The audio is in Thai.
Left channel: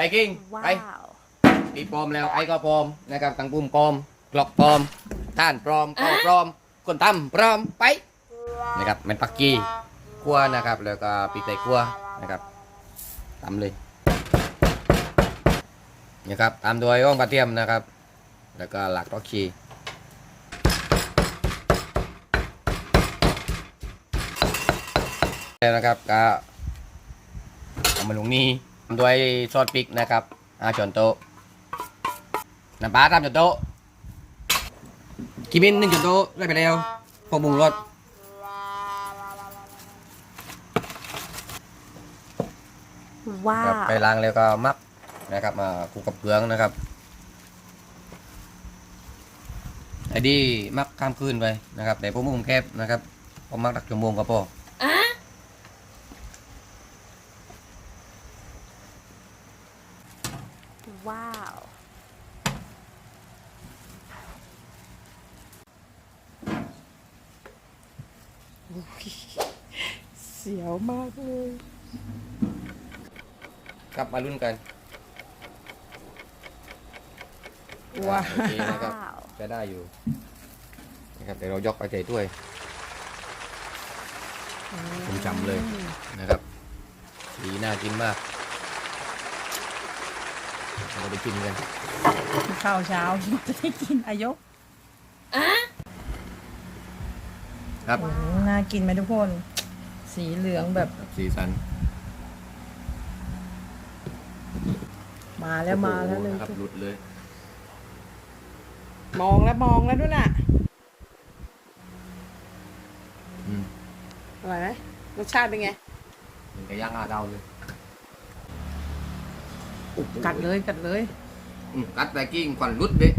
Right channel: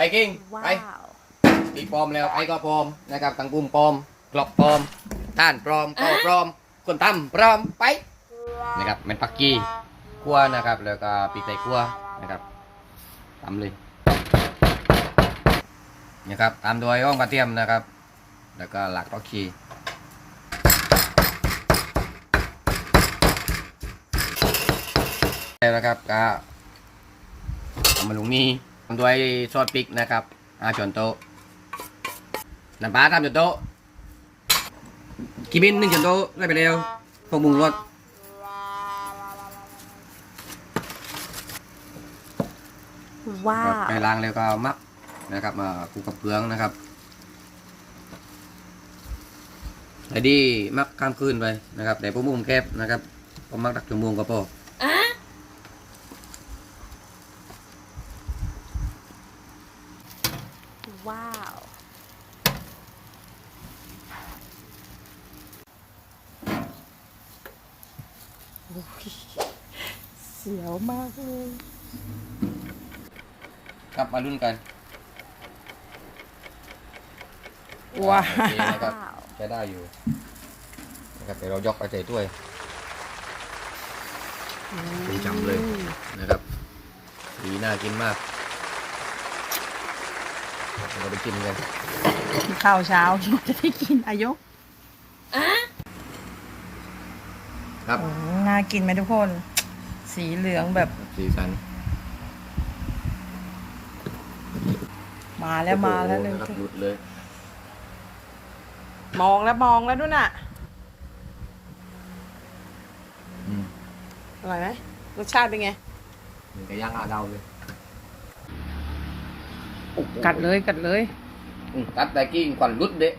ไปกิ้งว้าไปว ปีปลอมแล้วไอ้ก็ปลอมนะครับตังปุ่มปลอมกลอกปลอมต้านปลอมก็ปลอม คนทำปลอมไปนะครับเป็นปักกี้คั่วนะครับ แล้วก็ปีกไก่คั่วนะครับตำเลยนะครับตามโดยอ้องกระเทียมนะครับ แล้วก็หลักก็คีแล้วนะครับก็เอามาลงนี่ตาม ด้วยซอสพริกนะครับอาช้อนโต๊ะน้ำปลาตามช้อนโต๊ะกีบินหนึ่งช้อนโต๊ะได้ไปแล้วพวกบุงรสว้าครับวไปล้างแล้วก็มักนะครับ มาคลุกกับเกลืองนะครับไอ้ดีมักข้ามคืนไปนะครับแต่พวกมุมแคบนะครับผมมักตักชั่วโมงก็พอ ว้าวโอ้ยเสียวมากเลย ครับมาลุ้นกันว้าโอเคนะครับวใช้ได้อยู่นะครับเดี๋ยวเรายกไปใส่ถ้วยสีจำเลยนะครับสีน่ากินมาก เราไปกินกันข้าวเช้าจะได้กินอายุครับน่ากินไหมทุกคน สีเหลืองแบบสีสันมาแล้วมาแล้วเลยนะครับหลุดเลยมองแล้วมองแล้วด้วยน่ะอืมอร่อยไหมรสชาติเป็นไงมันก็ย่างอาดาวเลย กัดเลยกัดเลยอืมกัดได้กิ้งควันรุดเด้